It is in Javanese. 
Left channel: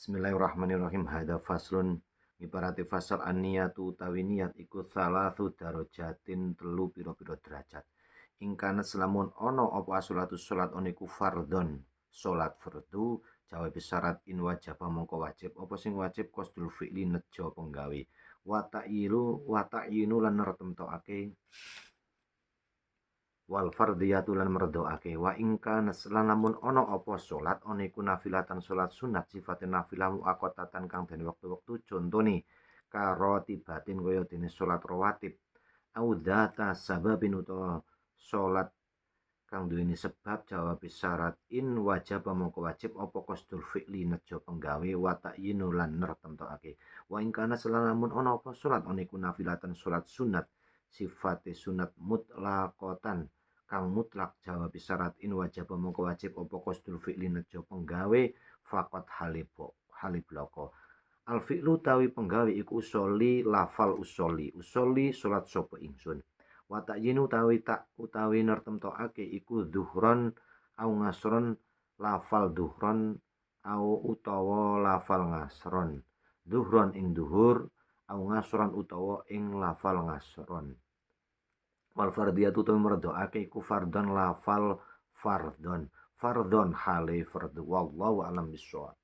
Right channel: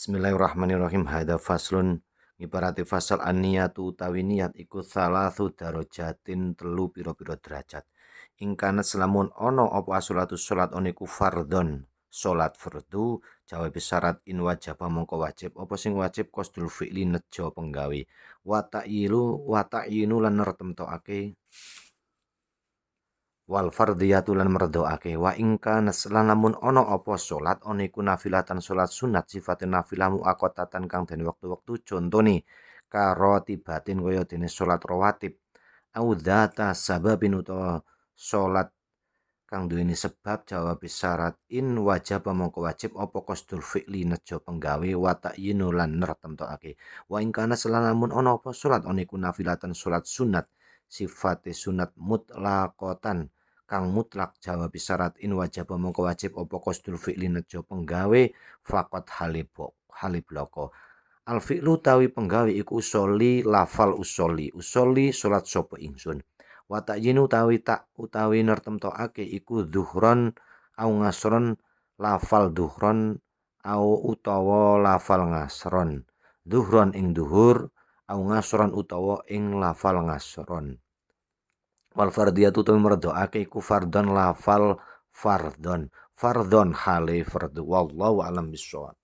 Bismillahirrahmanirrahim. Hadza faslun ibarati fasal an-niyatu utawi niat iku salasu darajatin telu pira-pira derajat. Ingkana selamun ono apa asolatu salat oniku fardhon salat fardu jawab syarat in wajaba mongko wajib apa sing wajib qasdul fi'li nejo penggawe wa ta'yinu lan nertemtokake wal fardhiyatu lan merdoake wa ingka naslan lamun ana apa salat ana iku nafilatan salat sunat sifate nafilah muaqqatatan kang dene wektu-wektu contone karo tibatin kaya dene salat rawatib au dzata sababin utawa salat kang duweni sebab jawab syarat in wajib mongko wajib apa qasdul fi'li nejo penggawe wa ta'yinu lan nertemtokake wa ingkana lamun ana apa salat ana iku nafilatan salat sunat sifate sunat mutlaqatan kang mutlak jawab syarat in wajib mongko wajib apa qasdul fi'li nejo penggawe faqat halibloko al fi'lu tawi penggawe iku usoli lafal usoli salat sapa ingsun wa ta'yinu utawi nertemtokake iku zuhron au ngasron lafal zuhron au utawa lafal ngasron zuhron ing duhur au ngasron utawa ing lafal ngasron wal fardiyatu tu merdoake iku fardhon lafal fardhon hale fardu wallahu alam bissawab.